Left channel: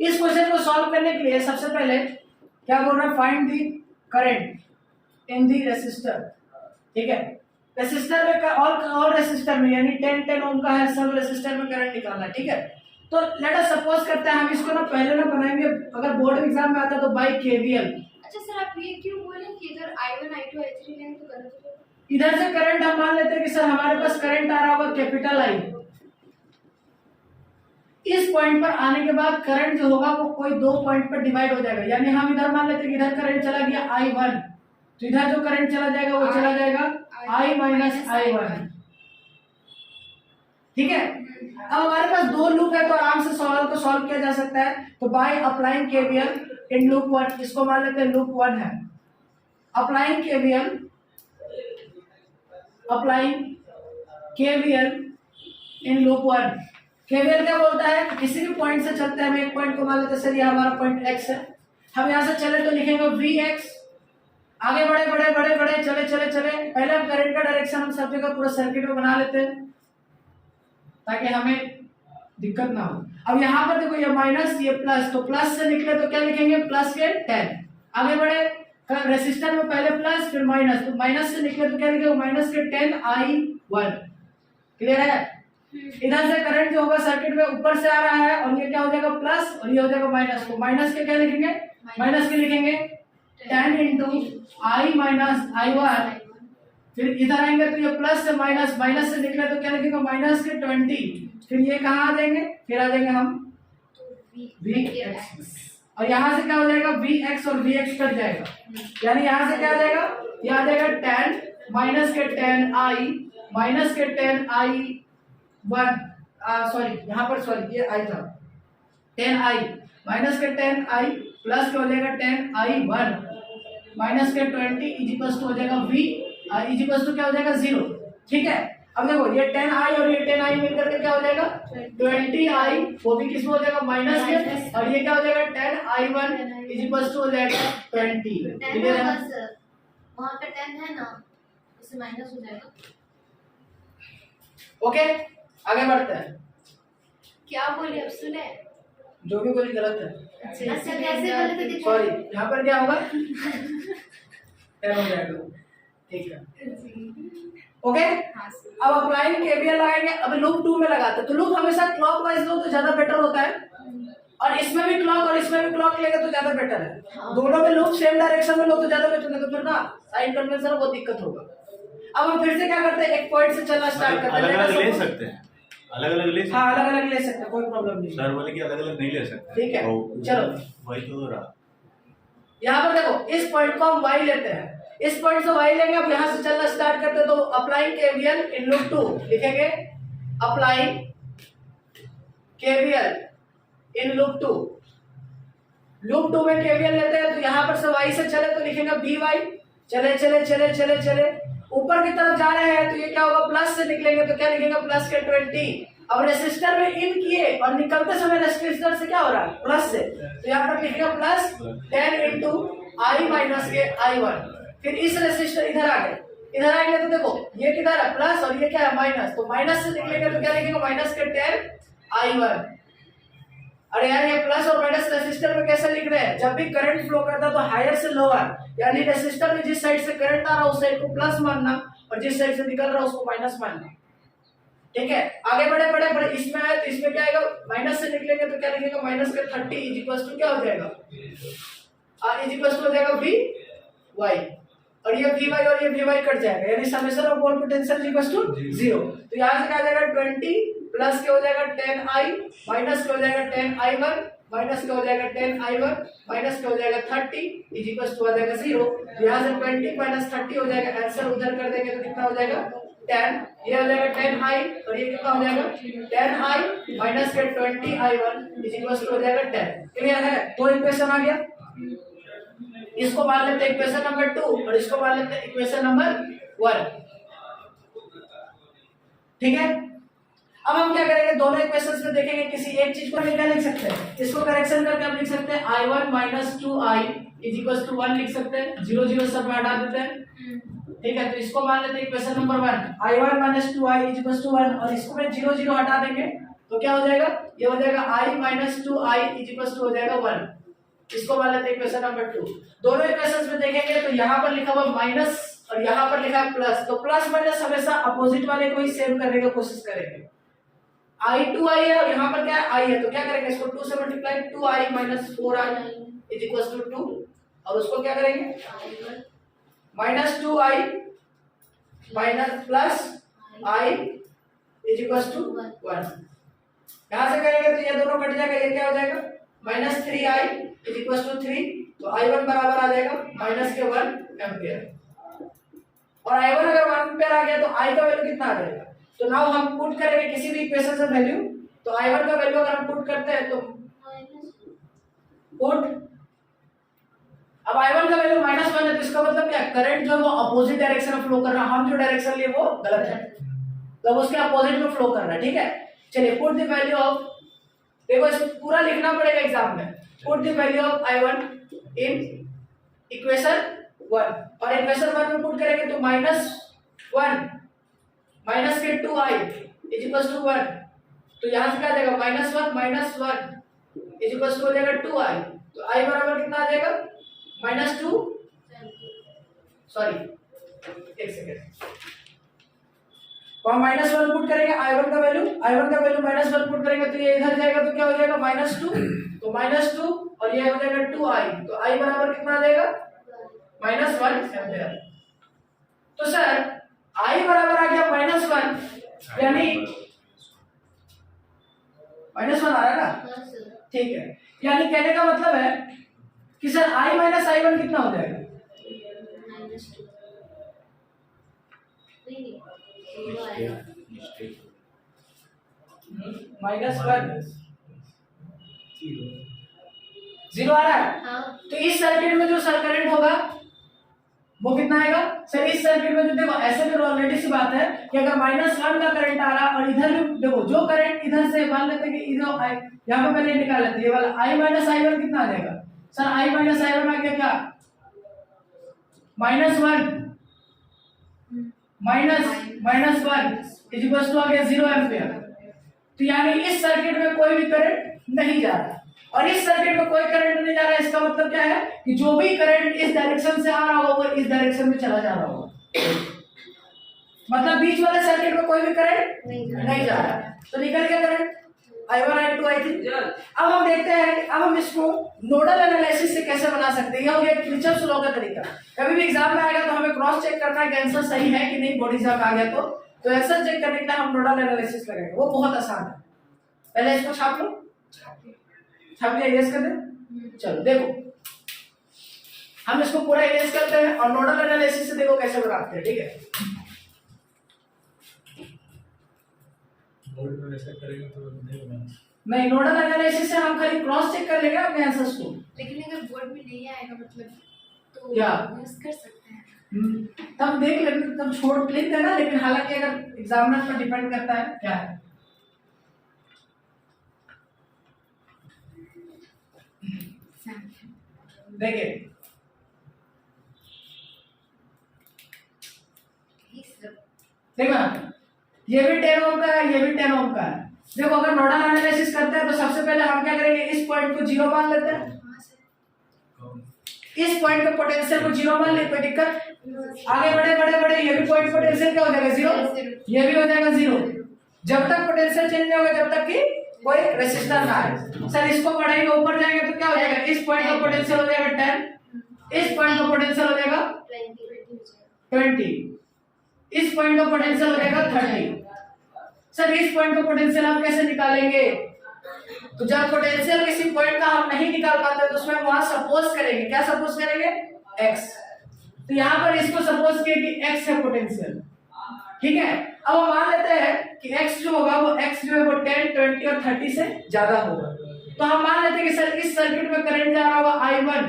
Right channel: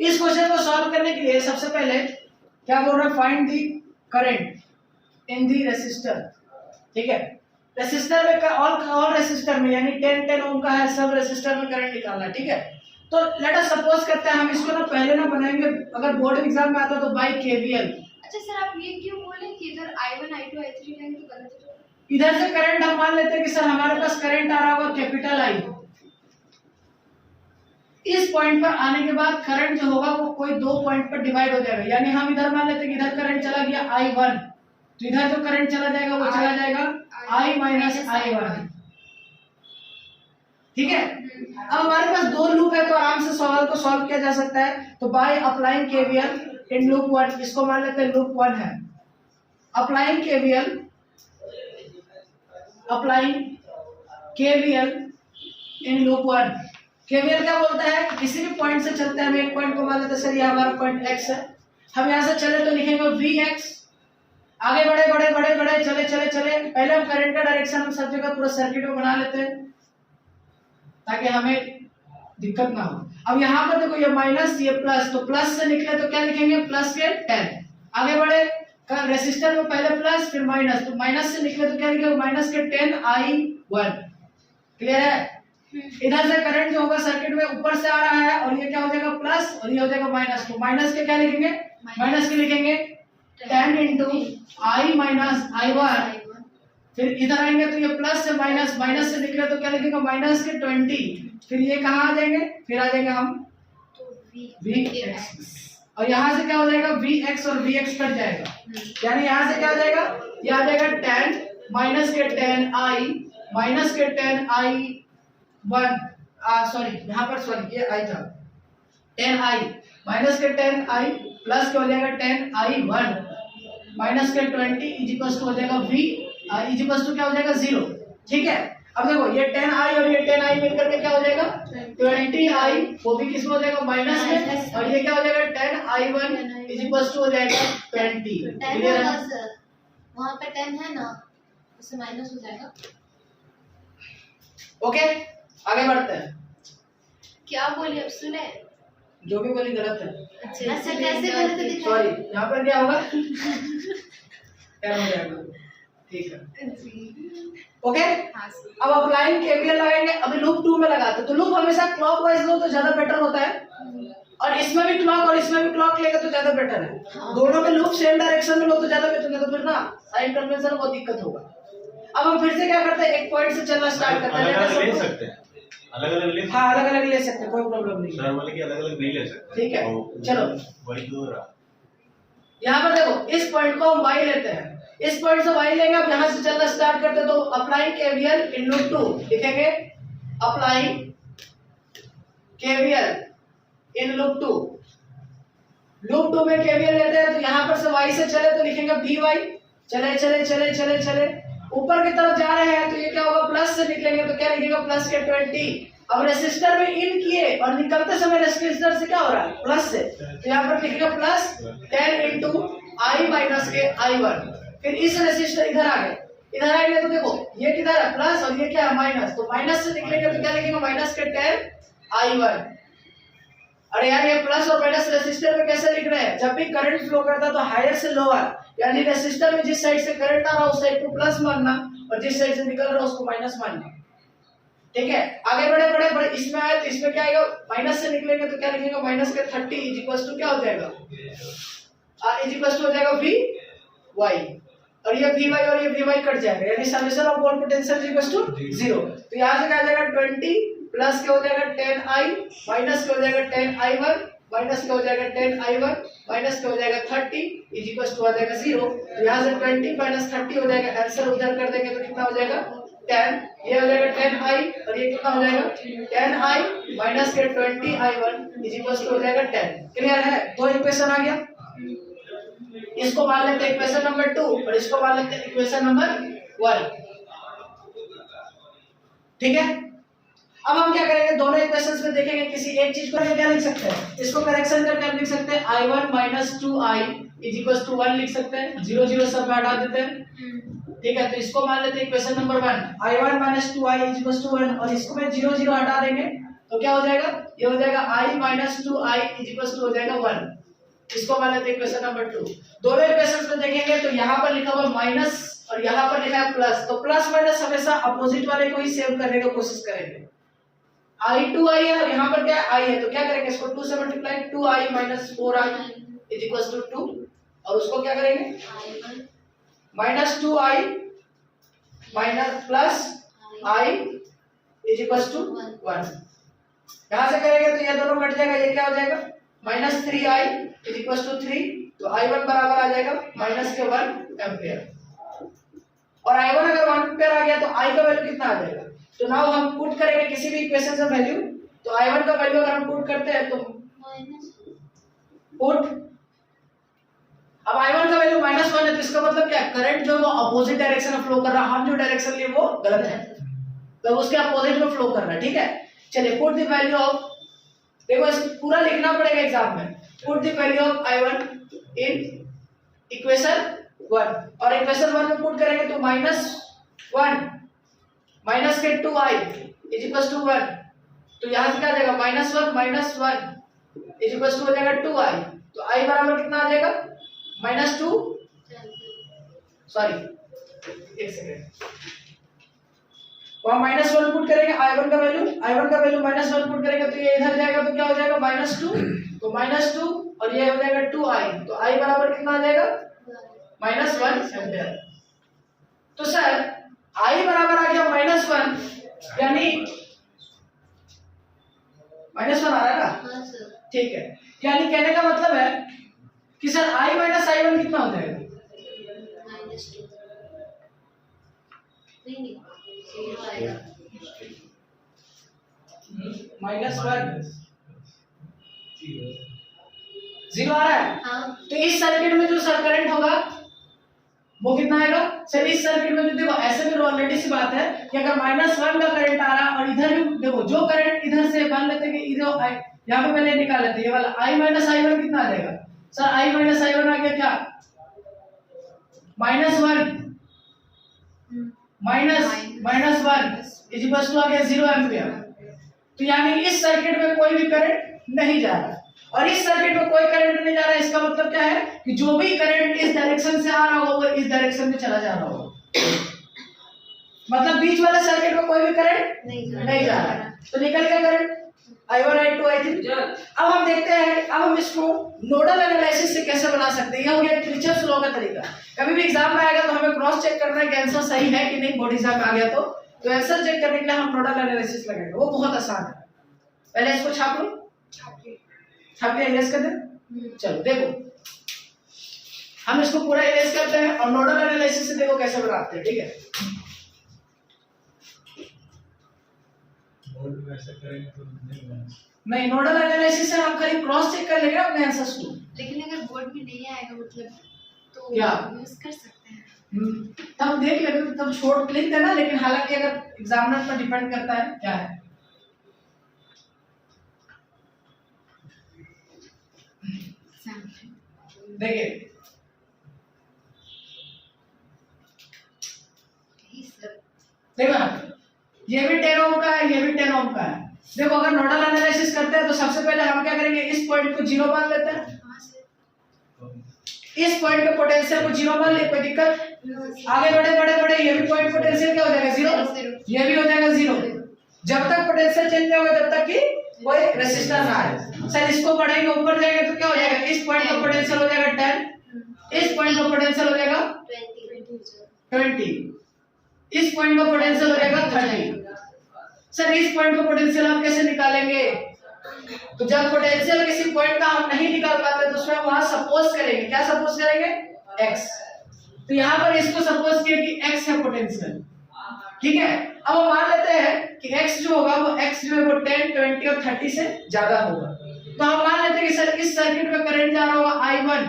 इस क्वेश्चन को सॉल्व करने के लिए सबसे पहले क्या बोल रहा है, find the current in the resistor. ठीक है, रेसिस्टर में ऑल रेसिस्टर में यानी 10 ओम का है, सब रेसिस्टर में करंट निकालना है। ठीक है, तो लेट अस सपोज करते हैं हम इसको ना पहले ना बनाएंगे, अगर बोर्ड एग्जाम में आता तो बाय केवीएल। अच्छा सर आप ये क्यों बोले कि इधर I1 I2 I3 लेंगे तो गलत हो जाएगा? इधर से करंट हम मान लेते हैं कि सर हमारे पास करंट आ रहा होगा कैपिटल आई। इस पॉइंट पर आने के बाद करंट जो होगा वो कोई दो पॉइंट पर डिवाइड हो जाएगा, यानी हम इधर मान लेते हैं कि इधर करंट चला गया I1, तो इधर जो करंट चला जाएगा वो चला जाएगा I माइनस I1। ठीक है, अब हमारे पास दो लूप है तो आराम से सवाल को सॉल्व किया जा सकता है। तो by applying KVL in loop 1, इसको मान लेते हैं लूप 1 है। Applying KVL in loop 1। KVL क्या बोलता है, किसी भी पॉइंट से चलते हैं, हम एक पॉइंट को मान लेते हैं सर ये हमारा पॉइंट x है, हम यहाँ से चले तो लिखेंगे vx, आगे बढ़े बढ़े बढ़े बढ़े चले चले चले, पहले हम करंट का डायरेक्शन हम सब जगह पूरा सर्किट में बना लेते हैं ताकि हमें दिक्कत ना हो। अब यहाँ पर देखो ये माइनस ये प्लस, तो प्लस से निकले तो क्या लिखेंगे प्लस के 10, आगे बढ़े रेसिस्टर में पहले प्लस फिर माइनस, तो माइनस से निकले तो क्या लिखेंगे माइनस के 10I1। क्लियर है, इधर से करंट जो होगा सर्किट में ऊपर से आ रहा है और ये क्या हो जाएगा प्लस और ये हो जाएगा माइनस, तो माइनस के क्या लिखेंगे माइनस के लिखेंगे 10 इंटू I माइनस I1, फिर इधर आएंगे तो ये प्लस से माइनस, माइनस से निकले तो क्या लिखेंगे माइनस के 20, फिर ये कहाँ आ जाएंगे, फिर आ जाएंगे हम Vx, और यहाँ से क्या हो जाएगा Vx और Vx कट जाएगा, यानी यहाँ से क्या आ जाएगा, ये आ जाएगा 10 माइनस के 10I माइनस के 10I1, सॉरी यहाँ पर सॉरी ये आई था 10I माइनस के 10I प्लस क्या हो जाएगा 10I1 माइनस के 20 इजिकल्स टू हो जाएगा V इजिकल्स टू क्या हो जाएगा 0। ठीक है, अब देखो ये 10I और ये 10I मिलकर के क्या हो जाएगा 20I, वो भी किस में हो जाएगा माइनस में, और ये क्या हो जाएगा 10I1 इजिकल्स टू हो जाएगा 20। क्लियर है, वहाँ पे 10 है ना, उससे माइनस हो जाएगा। ओके आगे बढ़ते हैं। क्या बोली अब सुने? जो भी बोली गलत है। अच्छा कैसे गलत है? सॉरी यहाँ पर क्या होगा क्या हो जाएगा, ठीक है ओके। अब अप्लाइंग केवीएल लगाएंगे, अब लूप 2 में लगाते, तो लूप हमेशा क्लॉकवाइज लो तो ज्यादा बेटर होता है, और इसमें भी क्लॉक और इसमें भी क्लॉक लेगा तो ज्यादा बेटर है। दोनों में लूप सेम डायरेक्शन में लो तो ज्यादा बेटर है, तो फिर ना साइन कन्वेंशन बहुत दिक्कत होगा। अब हम फिर से क्या करते हैं, एक पॉइंट से चलना स्टार्ट करते हैं, अलग-अलग ले सकते हैं, अलग-अलग ले सकते हैं। हाँ अलग-अलग ले सकते हैं, कोई प्रॉब्लम नहीं। सर बोले कि अलग-अलग नहीं ले सकते। ठीक है चलो वही तो रहा। यहाँ पर देखो इस पॉइंट को हम y लेते हैं, इस पॉइंट से y लेंगे, अब यहाँ से चलना स्टार्ट करते हैं, तो अप्लाइंग केवीएल इन लूप 2 लिखेंगे, applying KVL in loop 2। Loop 2 में केवीएल लेते हैं, तो यहाँ पर से y से चले तो लिखेंगे vy, चले चले चले चले चले ऊपर की तरफ जा रहे हैं, तो ये क्या होगा प्लस से निकलेंगे तो क्या लिखेंगे प्लस के 20। अब रेसिस्टर में इन किए और निकलते समय रेसिस्टर से क्या हो रहा है प्लस से, तो यहाँ पर लिखेंगे प्लस 10 इंटू I माइनस के I1, फिर इस रेसिस्टर इधर आ गए, इधर आएंगे तो देखो ये किधर है प्लस और ये क्या है माइनस, तो माइनस से निकलेंगे तो क्या लिखेंगे माइनस के 10I1। अरे यार ये प्लस और माइनस रेसिस्टर में कैसे लिख रहे हैं, जब भी करंट फ्लो करता है तो हायर से लोअर, यानी रेसिस्टर में जिस साइड से करंट आ रहा है उस साइड को प्लस मानना और जिस साइड से निकल रहा है उसको माइनस मानना। ठीक है, आगे बढ़े बढ़े बढ़े, इसमें आए तो इसमें क्या आएगा माइनस से निकलेंगे तो क्या लिखेंगे माइनस के 30 इज इक्वल टू क्या हो जाएगा इज इक्वल टू हो जाएगा Vy, और ये Vy और ये Vy कट जाएगा, यानी summation of both potential is equal to 0। तो यहां से क्या आ जाएगा 20 प्लस के हो जाएगा 10I माइनस के हो जाएगा 10I1 माइनस के हो जाएगा 10I1 माइनस के हो जाएगा 30 इज इक्वल टू हो जाएगा 0। तो यहां से 20 माइनस 30 हो जाएगा, आंसर उधर कर देंगे तो कितना हो जाएगा 10, ये हो जाएगा 10I और ये कितना हो जाएगा 10I माइनस के 20I1 इज इक्वल टू हो जाएगा 10। क्लियर है, तो इक्वेशन आ गया, इसको मान लेते हैं इक्वेशन नंबर 2 और इसको मान लेते हैं इक्वेशन नंबर 1। ठीक है, अब हम क्या करेंगे दोनों इक्वेशंस में देखेंगे किसी एक चीज को क्या लिख सकते हैं, इसको करेक्शन करके हम लिख सकते हैं I1 minus 2I is equal to 1 लिख सकते हैं, 0 0 सब में हटा देते हैं। ठीक है, तो इसको मान लेते हैं equation number 1 I1 minus 2I is equal to 1, और इसको में 0 0 हटा देंगे तो क्या हो जाएगा, ये हो जाएगा I minus 2I is equal to हो जाएगा 1। इसको मान लेते हैं इक्वेशन नंबर 2। दोनों इक्वेशंस में देखेंगे तो यहाँ पर लिखा हुआ माइनस और यहाँ पर लिखा है प्लस, तो प्लस माइनस हमेशा अपोजिट वाले को ही सेम करने की कोशिश करेंगे। I2I है और यहाँ पर क्या है I है, तो क्या करेंगे इसको 2 से multiply 2I minus 4I is equal to 2 और उसको क्या करेंगे minus 2I minus plus I is equal to 1। यहाँ से करेंगे तो ये दोनों कट जाएगा, ये क्या हो जाएगा minus 3I is equal to 3, तो I1 बराबर आ जाएगा माइनस के 1 एम्पियर। और I1 अगर 1 एम्पियर आ गया तो I का वैल्यू कितना आ जाएगा, तो नाउ हम पुट करेंगे किसी भी इक्वेशन से वैल्यू, तो I1 का वैल्यू अगर हम पुट करते हैं तो पुट, अब I1 का वैल्यू -1 है तो इसका मतलब क्या है करंट जो है वो अपोजिट डायरेक्शन में फ्लो कर रहा है, हम जो डायरेक्शन लिए वो गलत है, तो उसके अपोजिट में फ्लो कर रहा है। ठीक है, चलिए पुट द वैल्यू ऑफ, देखो इस पूरा लिखना पड़ेगा एग्जाम में, put the value of I1 in equation 1 और इक्वेशन 1 में पुट करेंगे तो -1 माइनस के 2I इज इक्वल टू 1, तो यहाँ से क्या आ जाएगा -1 माइनस 1 इज इक्वल टू हो जाएगा 2I, तो I बराबर कितना आ जाएगा -2, सॉरी एक सेकेंड, वहाँ -1 पुट करेंगे I1 का वैल्यू -1 पुट करेंगे तो ये इधर जाएगा तो क्या हो जाएगा -2, तो -2 और ये हो जाएगा 2I, तो I बराबर कितना आ जाएगा -1 एम्पियर। तो सर I बराबर आ गया -1, यानी -1 आ रहा है ना, ठीक है, यानी कहने का मतलब है कि सर I माइनस I1 कितना हो जाएगा -1 0 आ रहा है। हाँ। तो इस सर्किट में जो सर करंट होगा वो कितना आएगा सर, इस सर्किट में जो देखो ऐसे में ऑलरेडी सी बात है कि अगर -1 का करंट आ रहा है और इधर भी देखो जो करंट इधर से मान लेते हैं कि इधर यहाँ पे पहले निकाल लेते हैं, ये वाला I माइनस I1 कितना आ जाएगा सर, I माइनस I1 आ गया क्या -1 माइनस 1 इज इक्वल टू आ गया 0 एम्पियर। तो यानी इस सर्किट में कोई भी करंट नहीं जा रहा और इस सर्किट में कोई करंट नहीं जा रहा है, इसका मतलब क्या है कि जो भी करंट इस डायरेक्शन से आ रहा होगा वो इस डायरेक्शन में चला जा रहा होगा, मतलब बीच वाले सर्किट में कोई भी करंट नहीं जा रहा है, तो निकल गया करंट I1 I2 I3। अब हम देखते हैं, अब हम इसको नोडल एनालिसिस से कैसे बना सकते हैं, यह हो गया किरचॉफ लॉ का तरीका। कभी भी एग्जाम में आएगा तो हमें क्रॉस चेक करना है कि आंसर सही है कि नहीं, बोर्ड एग्जाम आ गया तो आंसर चेक करने के लिए हम नोडल एनालिसिस लगाएंगे, वो बहुत आसान है। पहले इसको छाप लो, छाप के इरेज कर दे। चलो देखो हम इसको पूरा इरेज करते हैं और नोडल एनालिसिस से देखो कैसे बनाते हैं, ठीक है। बोर्ड में ऐसा करेंगे तो नहीं होगा, नहीं, नोडल एनालिसिस से हम खाली क्रॉस चेक कर लेंगे अपने आंसर्स को। लेकिन अगर बोर्ड में नहीं आएगा मतलब तो क्या यूज कर सकते हैं, तब देख लेंगे, तब छोड़ लिख देना, लेकिन हालांकि अगर एग्जामिनर पर डिपेंड करता है क्या है। देखिए देखो ना, ये भी 10 ओम का है, ये भी 10 ओम का है। देखो अगर नोडल एनालिसिस करते हैं तो सबसे पहले हम क्या करेंगे, इस पॉइंट को 0 मान लेते हैं, इस पॉइंट के पोटेंशियल को 0 मान ले, कोई दिक्कत। आगे बढ़े ये भी पॉइंट पोटेंशियल क्या हो जाएगा 0, ये भी हो जाएगा 0। जब तक पोटेंशियल चेंज नहीं होगा तब तक कि कोई रेजिस्टर ना आए। सर इसको बढ़ेंगे ऊपर जाएंगे तो क्या हो जाएगा, इस पॉइंट का पोटेंशियल हो जाएगा 10, इस पॉइंट का पोटेंशियल हो जाएगा 20, इस पॉइंट का पोटेंशियल हो जाएगा 30। सर इस पॉइंट का पोटेंशियल आप कैसे निकालेंगे, तो जब पोटेंशियल किसी पॉइंट का हम नहीं निकाल पाते तो उसमें वहां सपोज करेंगे, क्या सपोज करेंगे x। तो यहाँ पर इसको सपोज किया कि x है पोटेंशियल, ठीक है। अब हम मान लेते हैं कि x जो होगा वो x जो है वो 10, 20 और 30 से ज्यादा होगा। तो हम मान लेते हैं कि सर इस सर्किट में करंट जा रहा होगा I1,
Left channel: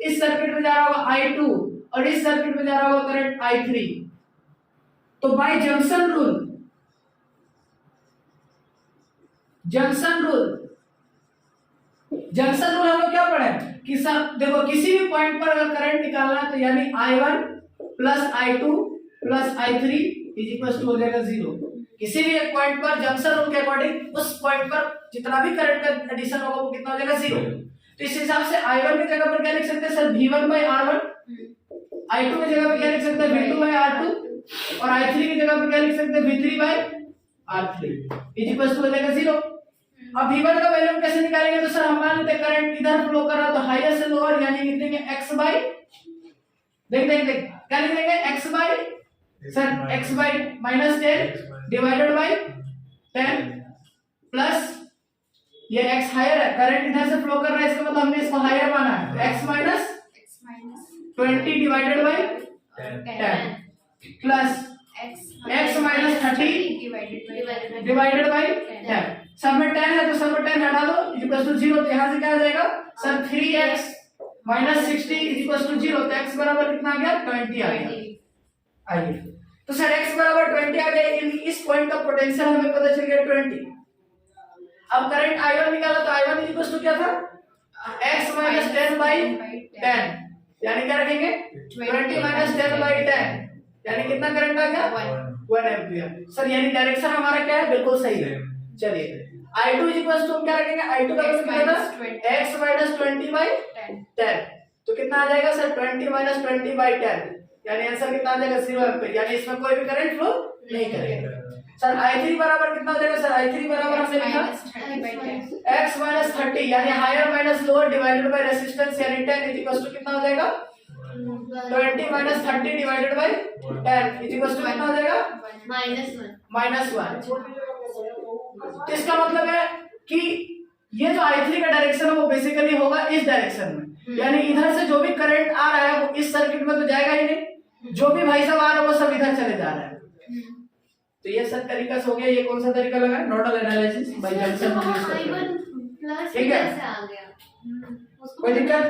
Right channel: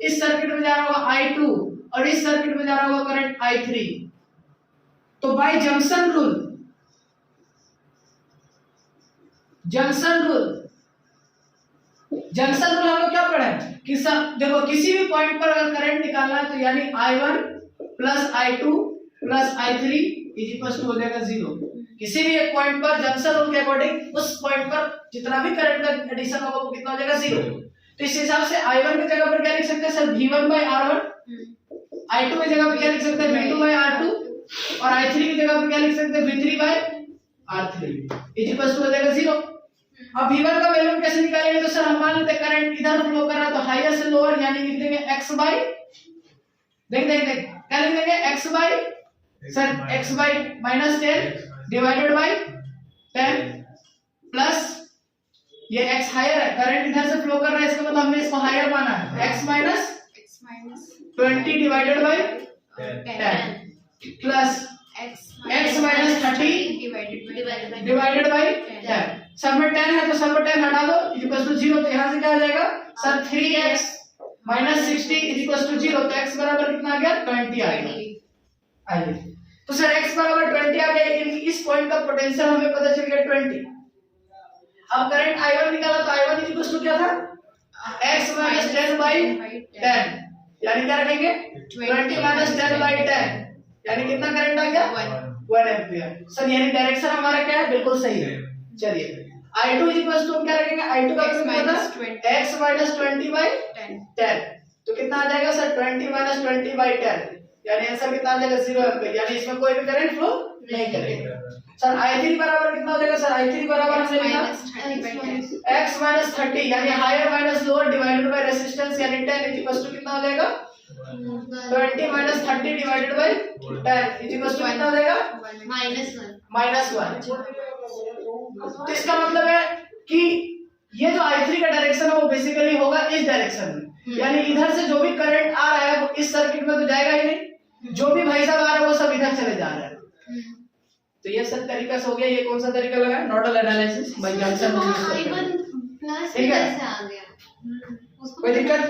इस सर्किट में जा रहा होगा I2 और इस सर्किट में जा रहा होगा करंट I3। तो बाय जंक्शन रूल हम लोग क्या पढ़े कि सर देखो किसी भी पॉइंट पर अगर करंट निकालना है तो यानी I1 plus I2 plus I3 is equal to हो जाएगा 0। किसी भी एक पॉइंट पर जंक्शन रूल के अकॉर्डिंग उस पॉइंट पर जितना भी करंट का एडिशन होगा वो कितना हो जाएगा, 0। तो इस हिसाब से I1 की जगह पर क्या लिख सकते हैं sir, V1 by R1, I2 की जगह पर क्या लिख सकते हैं, V2 by R2, और I3 की जगह पर क्या लिख सकते हैं, V3 by R3 is equal to हो जाएगा 0। अब V1 का वैल्यू कैसे निकालेंगे, तो सर हम मान लेते हैं करंट इधर फ्लो कर रहा है तो हाईएस्ट से लोअर यानी लिख देंगे x बाय, देख क्या लिख देंगे, x by sir x by -10 divided by 10 plus ये x हायर है, करंट इधर से फ्लो कर रहा है इसका मतलब हमने इसको हायर माना है, x minus 20 divided by 10 plus x minus 30 divided by 10। सब में 10 है तो सब में 10 हटा दो इक्वल टू 0। तो यहां से क्या आ जाएगा sir, 3x minus 60 equal to 0। तो x बराबर कितना आ गया, 20 आ गया। आइए तो सर x बराबर 20 आ गया, इस पॉइंट का पोटेंशियल हमें पता चल गया 20। अब करंट I1 निकाला तो I1 इक्वल टू क्या था, x माइनस 10 बाय 10 यानी क्या रखेंगे 20 माइनस 10 बाय 10 यानी कितना करंट आ गया, 1 एम्पीयर। सर यानी डायरेक्शन हमारा क्या है, बिल्कुल सही है। चलिए I2 इक्वल टू क्या रखेंगे, I2 का वैल्यू कितना, x माइनस 20 बाय 10 तो कितना आ जाएगा सर, 20 माइनस 20 बाय 10 यानी आंसर कितना आ जाएगा, 0 एम्पीयर, यानी इसमें कोई भी करंट फ्लो नहीं करेगा। सर I3 बराबर कितना हो जाएगा सर, I3 बराबर हमने लिखा x माइनस 30 यानी higher minus lower divided by resistance यानी 10 इज इक्वल टू कितना हो जाएगा, 20 minus 30 divided by 10 is equal to कितना हो जाएगा, -1। तो इसका मतलब है कि ये जो I3 का डायरेक्शन है वो बेसिकली होगा इस डायरेक्शन में, यानी इधर से जो भी करंट आ रहा है वो इस सर्किट में तो जाएगा ही नहीं, जो भी भाई साहब आ रहा है वो सब इधर चले जा रहा है। तो ये सब तरीका से हो गया। ये कौन सा तरीका लगा, nodal analysis bye junction rule. ठीक है, कोई दिक्कत